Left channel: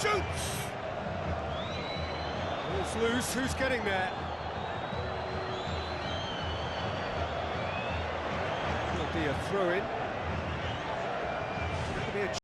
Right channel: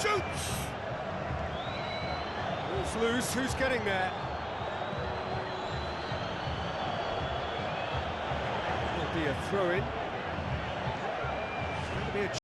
Shoots! Ball's loose, who's getting there? Will be a throw-in. It's going to be a